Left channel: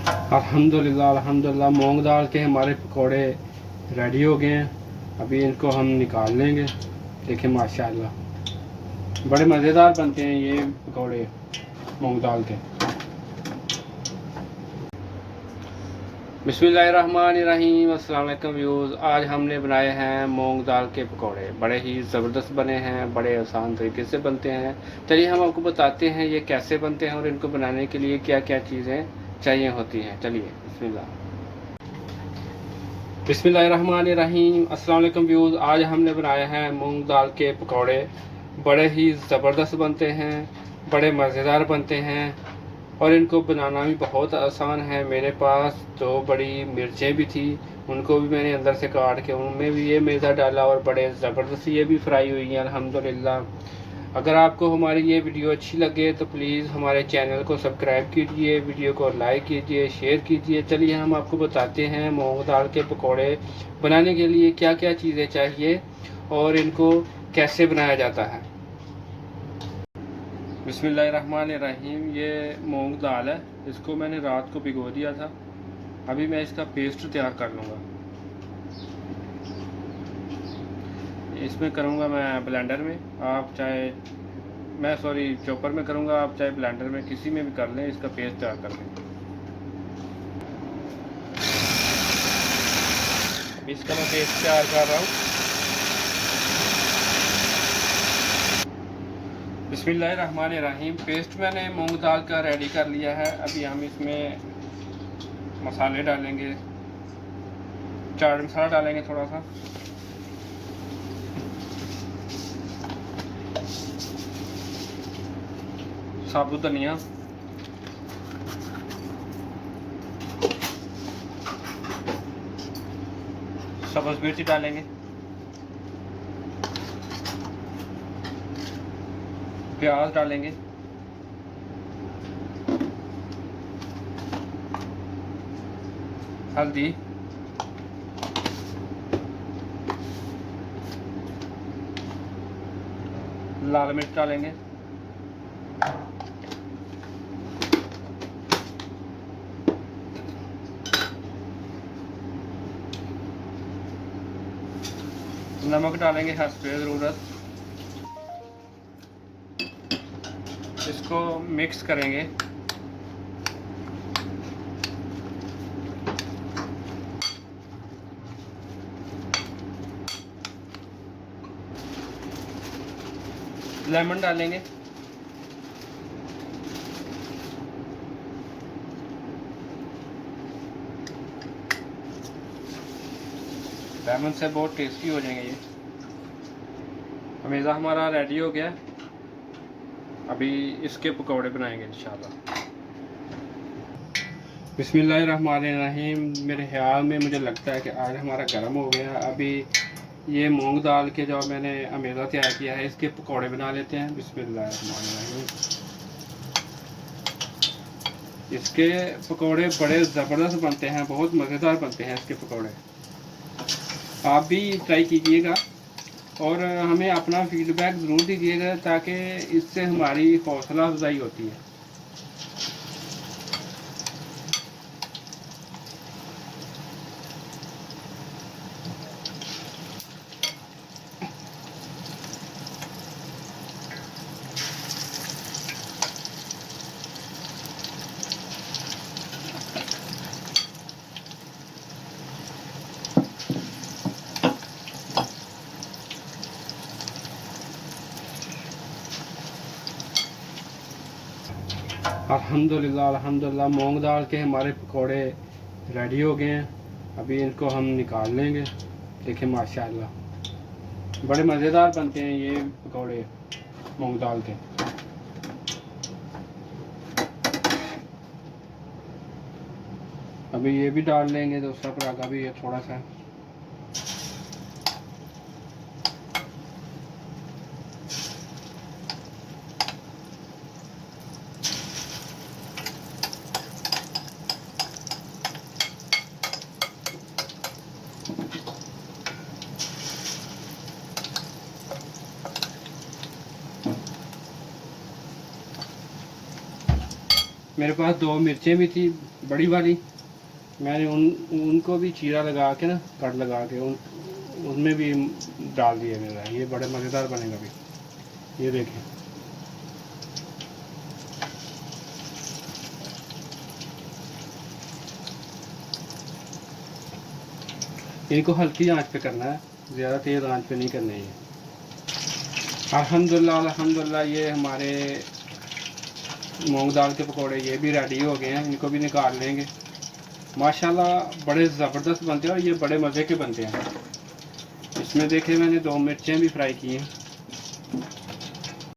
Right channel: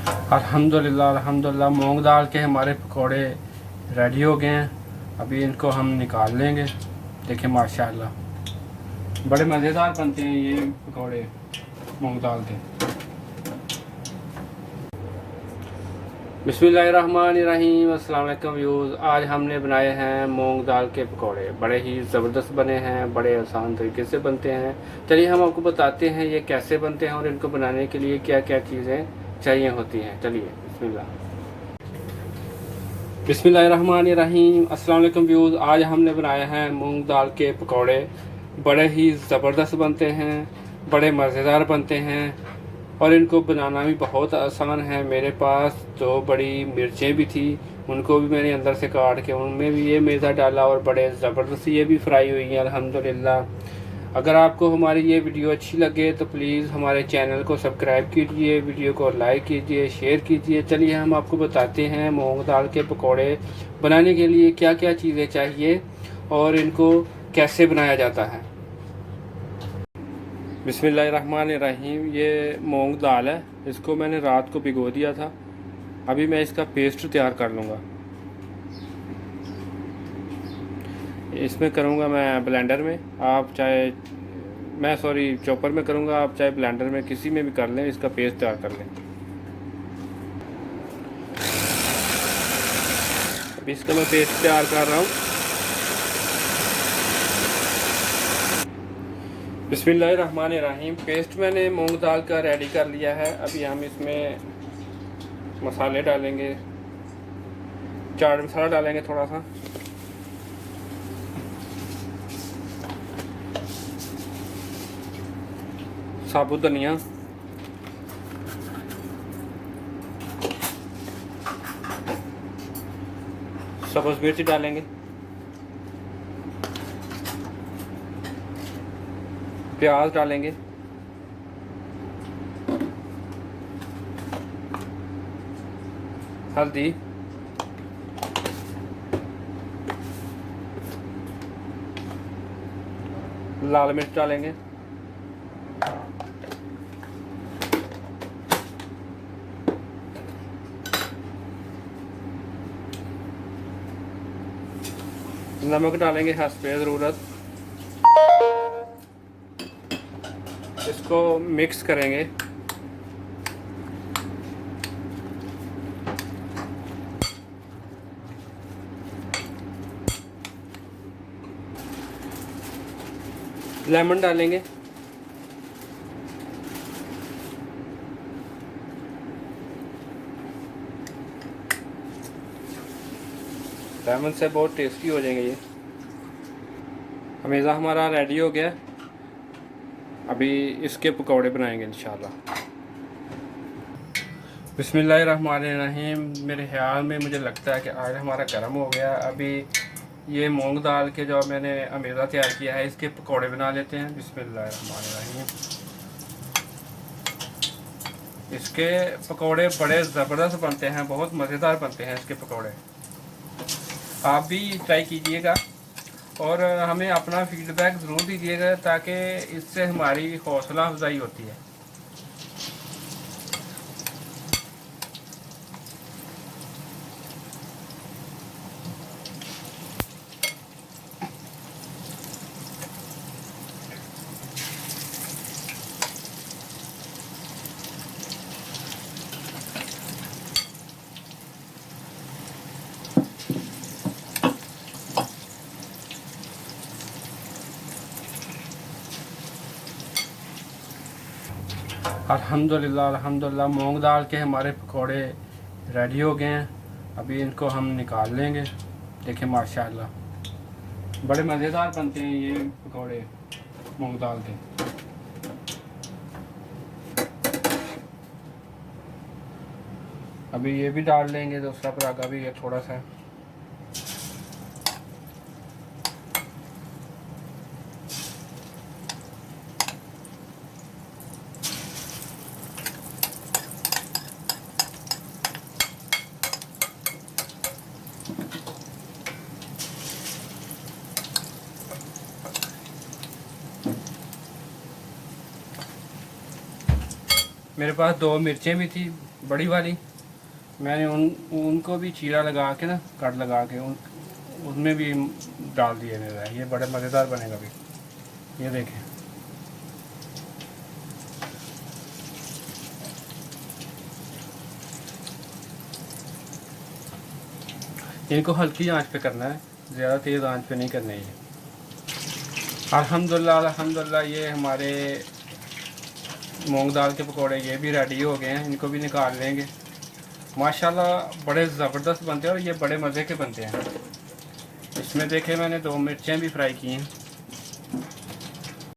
अल्हम्दुलिल्लाह अल्हम्दुलिल्लाह मूंग दाल के हमारे पकोड़े रेडी हो गए हैं। अभी इनको हम निकाल लेंगे। देखिए माशाल्लाह बड़े मज़ेदार बनते हैं ये पकोड़े मूंग दाल के। बिस्मिल्लाहिर्रहमानिर्रहीम। अस्सलाम वालेकुम व्यूज़। आज हमने बनाए हैं मूंग दाल के पकोड़े। बड़े ही ज़बरदस्त बने हैं, बड़े आसान तरीके से बनते हैं। चलिए हम आपको बताते हैं ये कैसे बनते हैं और इनको बनाने के लिए क्या क्या चीज़ें चाहिए होती हैं। चलिए बिस्मिल्लाहिर्रहमानिर्रहीम। अस्सलाम वालेकुम व्यूज़। आज हमने बनाए हैं मूंग दाल के पकोड़े। बड़े ही ज़बरदस्त बनते हैं, बड़े मज़ेदार बनते हैं और इनको बनाना भी बहुत आसान है। मेरे पास 2 बड़ी मिर्चें भी थी, उनको भी मैंने अंदर से काट के उनमें भी ये मिर्चा डाला और बड़े ज़बरदस्त ये भी फ्राई हुई हैं अल्हम्दुलिल्लाह। अगर आपको हमारी ये वीडियो अच्छी लगे तो प्लीज़ हमारे चैनल को सब्सक्राइब कीजिए, वीडियो को लाइक कीजिए, शेयर कीजिए। चलिए हम आपको बताते हैं मूंग दाल के पकोड़े बनाने के लिए क्या क्या चीज़ें चाहिए और इनको कैसे बनाया जाता है। बिस्मिल्लाहिर्रहमानिर्रहीम। ये मूंग दाल है, इसको मैंने रात को भिगो दिया था। अभी मैं इसका पेस्ट तैयार कर लूँगा। इसमें करूँगा मैं ब्लेंडर में, आप चाहे चॉपर में करूँगा, आप चाहे ब्लेंडर में किसी में भी कर लें। इसका पेस्ट तैयार कर लें। अभी इसका मैं पेस्ट तैयार कर रहा हूँ। बिस्मिल्लाहिर्रहमानिर्रहीम। पेस्ट मैंने मूंग दाल का रेडी कर लिया है। अभी हम इसमें मसाले डालेंगे, चाट मसाला डालेंगे थोड़ा सा, साबुत धनिया, सब्ज़ मिर्ची डालेंगे, प्याज डालेंगे, हल्दी, लाल मिर्च डालेंगे, नमक डालेंगे हस्बे ज़रूरत। इसको मिक्स करेंगे। लेमन डालेंगे, लेमन से बहुत टेस्टी हो जाएंगे ये। हमेशा हमारा रेडी हो गया। अभी इसके पकौड़े बनाएंगे इंशाल्लाह। बिस्मिल्लाहिर्रहमानिर्रहीम। मेरे ख्याल में मुझे लगता है कि आयल हमारा गर्म हो गया। अभी ये मूंग दाल के जो मैंने अमेज़ा तैयार किया है इसके पकौड़े बना लेते हैं। बिस्मिल्लाहिर्रहमानिर्रहीम। इसके पकौड़े बड़े ज़बरदस्त बनते हैं, बहुत मज़ेदार बनते हैं इसके पकौड़े। आप भी ट्राई कीजिएगा और हमें अपना फीडबैक ज़रूर दीजिएगा ताकि इससे हमारी हौसला अफजाई होती है। अल्हम्दुलिल्लाह अल्हम्दुलिल्लाह मूंग दाल के हमारे पकोड़े रेडी हो गए हैं। अभी इनको हम निकाल लेंगे। देखिए माशाल्लाह बड़े मज़ेदार बनते हैं ये पकोड़े मूंग दाल के। अभी ये भी डाल लेंगे, दूसरा पराठा भी है थोड़ा सा। मेरे पास 2 मिर्चें भी थी बड़ी वाली, मैंने उनको भी चीरा लगा के ना, कट लगा के उनमें भी डाल दिए मैंने। ये बड़े मज़ेदार बनेगा भी। ये देखें, इनको हल्की आंच पे करना है, ज़्यादा तेज़ आंच पे नहीं करना है। अल्हम्दुलिल्लाह अल्हम्दुलिल्लाह ये हमारे मूंग दाल के पकौड़े ये भी रेडी हो गए हैं। इनको भी निकाल लेंगे। माशाल्लाह बड़े ज़बरदस्त बनते हैं और ये बड़े मज़े के बनते हैं। इसमें देखें मैंने 2 मिर्चें भी फ्राई की हैं।